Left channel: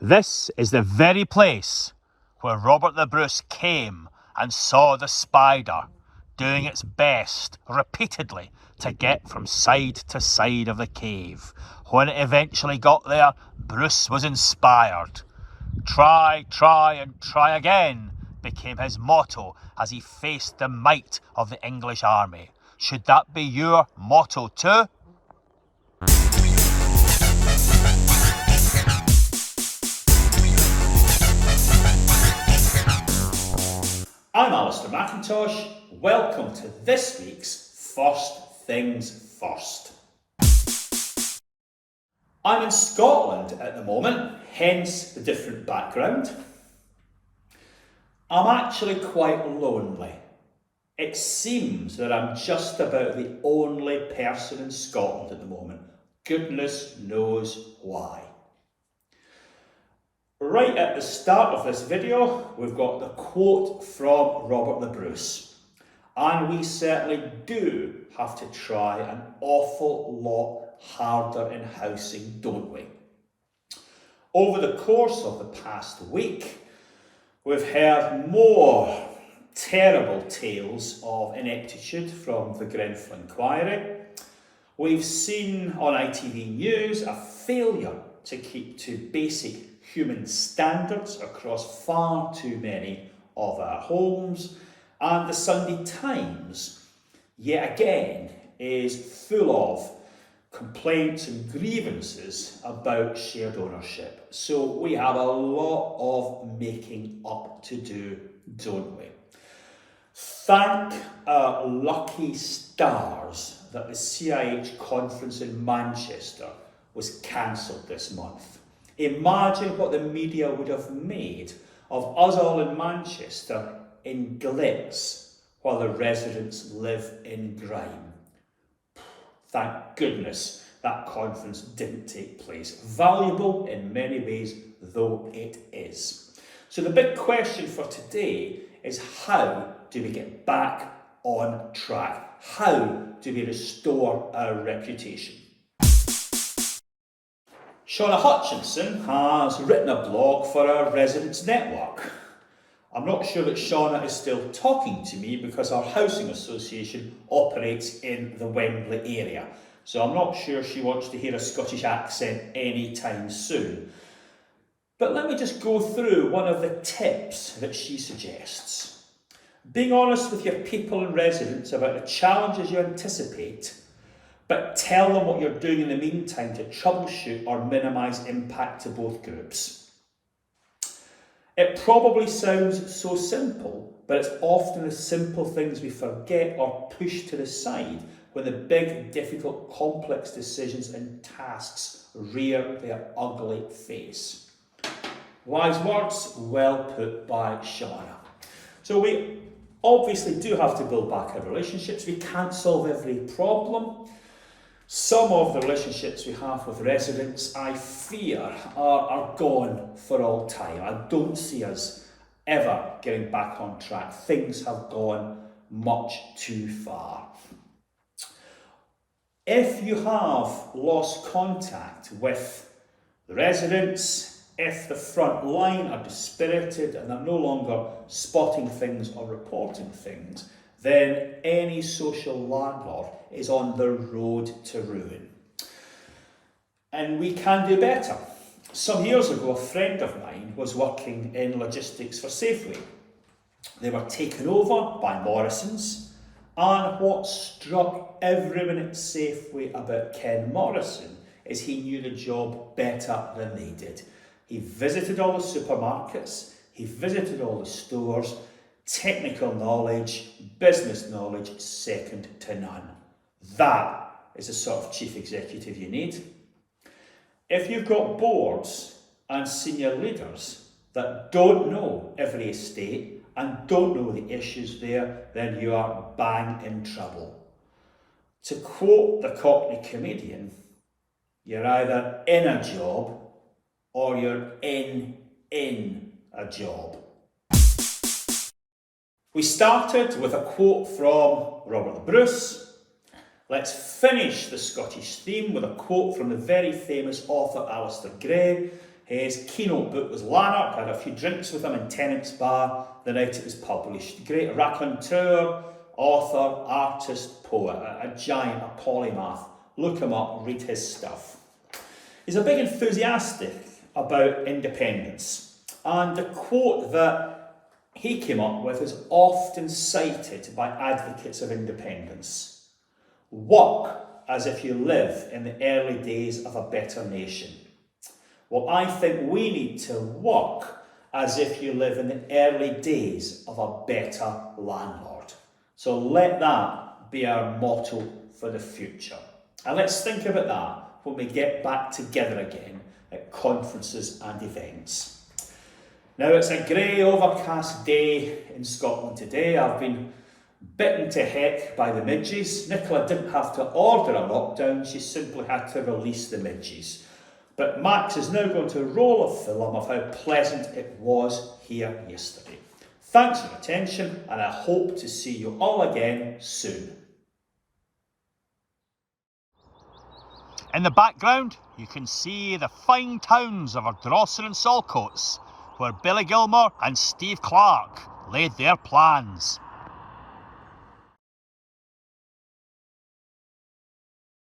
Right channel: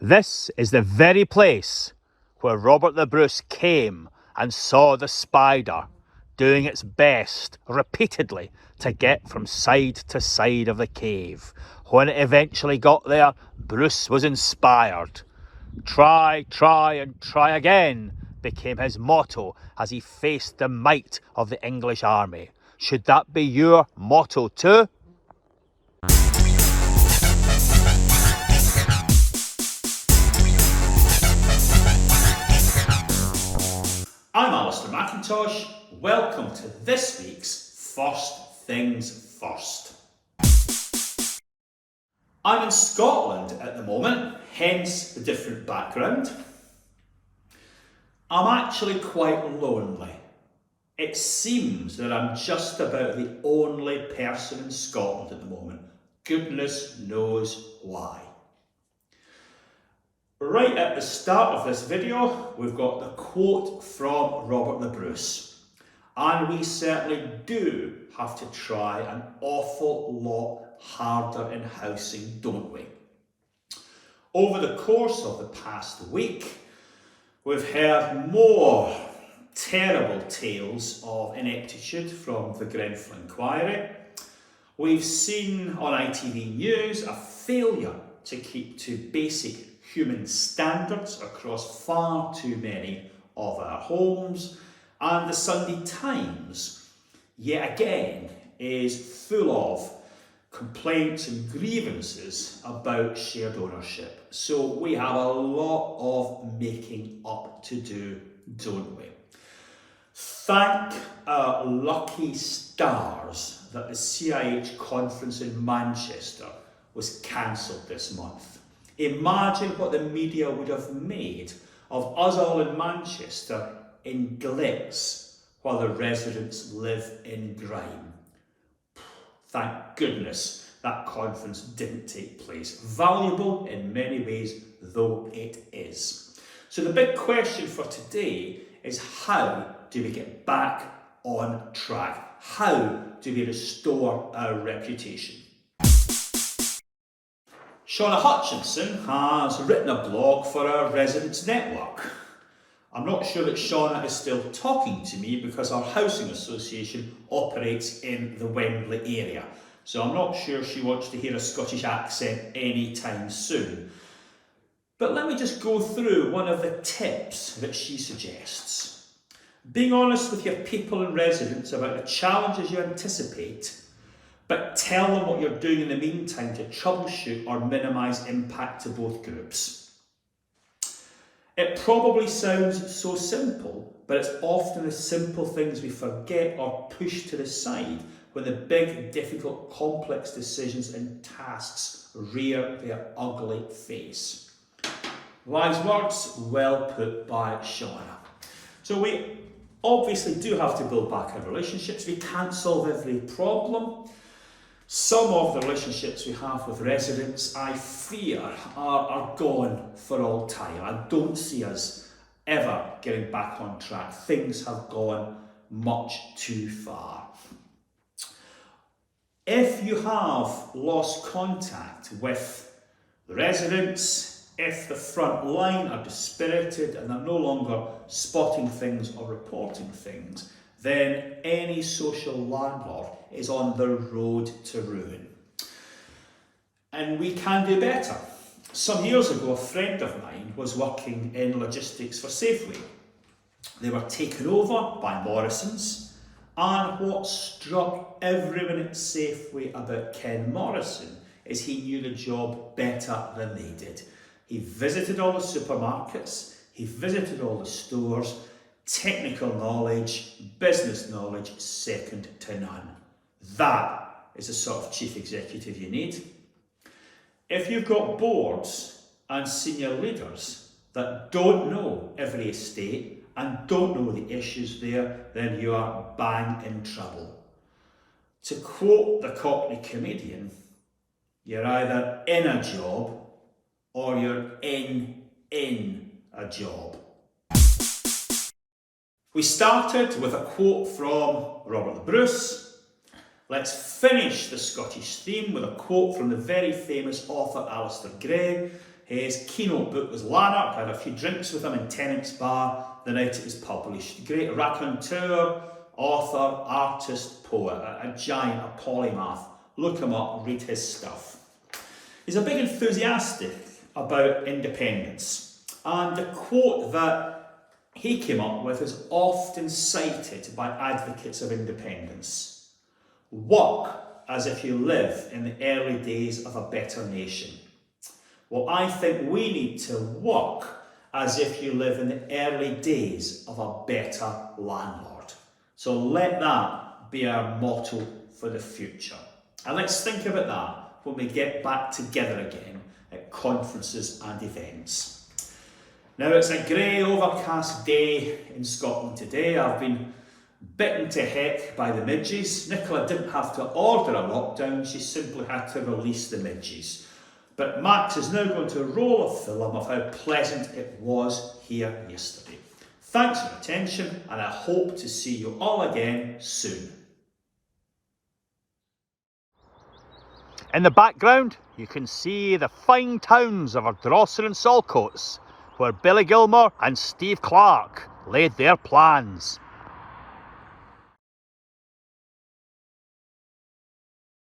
This is the very place where Robert the Bruce came and saw the spider doing its best repeatedly to get from side to side of the cave. When it eventually got there, Bruce was inspired. Try, try and try again became his motto as he faced the might of the English army. Should that be your motto too? I'm Alistair McIntosh. Welcome to this week's First Things First. I'm in Scotland at the moment, hence the different background. I'm actually quite lonely. It seems that I'm just about the only person in Scotland at the moment. Goodness knows why. Right at the start of this video, we've got the quote from Robert the Bruce. And we certainly do have to try an awful lot harder in housing, don't we? Over the course of the past week, we've heard more terrible tales of ineptitude from the Grenfell Inquiry. We've seen on ITV News a failure to keep to basic human standards across far too many of our homes, and the Sunday Times, yet again, is full of complaints and grievances about shared ownership. So we have a lot of making up to do, don't we? Thank our lucky stars that the CIH conference in Manchester was cancelled this month. Imagine what the media would have made of us all in Manchester in glitz while the residents live in grime. Thank goodness that conference didn't take place. Valuable in many ways, though it is. So the big question for today is, how do we get back on track? How do we restore our reputation? Shauna Hutchinson has written a blog for our Residents Network. I'm not sure that Shauna is still talking to me because our housing association operates in the Wembley area. So I'm not sure she wants to hear a Scottish accent anytime soon. But let me just go through one of the tips that she suggests. Being honest with your people and residents about the challenges you anticipate, but tell them what you're doing in the meantime to troubleshoot or minimise impact to both groups. It probably sounds so simple, but it's often the simple things we forget or push to the side when the big, difficult, complex decisions and tasks rear their ugly face. Wise words, well put by Shauna. So we obviously do have to build back our relationships. We can't solve every problem. Some of the relationships we have with residents, I fear, are gone for all time. I don't see us ever getting back on track. Things have gone much too far. If you have lost contact with the residents, if the front line are dispirited and they're no longer spotting things or reporting things, then any social landlord is on the road to ruin. And we can do better. Some years ago, a friend of mine was working in logistics for Safeway. They were taken over by Morrisons, and what struck everyone at Safeway about Ken Morrison is he knew the job better than they did. He visited all the supermarkets, he visited all the stores. Technical knowledge, business knowledge, second to none. That is the sort of chief executive you need. If you've got boards and senior leaders that don't know every estate and don't know the issues there, then you are bang in trouble. To quote the Cockney comedian, you're either in a job or you're in a job. We started with a quote from Robert the Bruce. Let's finish the Scottish theme with a quote from the very famous author Alistair Gray. His keynote book was Lanark. I had a few drinks with him in Tennant's Bar the night it was published. Great raconteur, author, artist, poet, a giant, a polymath. Look him up, read his stuff. He's a big enthusiastic about independence, and the quote that he came up with is often cited by advocates of independence. Work as if you live in the early days of a better nation. Well, I think we need to work as if you live in the early days of a better landlord. So let that be our motto for the future. And let's think about that when we get back together again at conferences and events. Now, it's a grey, overcast day in Scotland today. I've been bitten to heck by the midges. Nicola didn't have to order a lockdown, she simply had to release the midges. But Max is now going to roll a film of how pleasant it was here yesterday. Thanks for your attention, and I hope to see you all again soon. In the background, you can see the fine towns of Ardrossan and Saltcoats, where Billy Gilmore and Steve Clark laid their plans.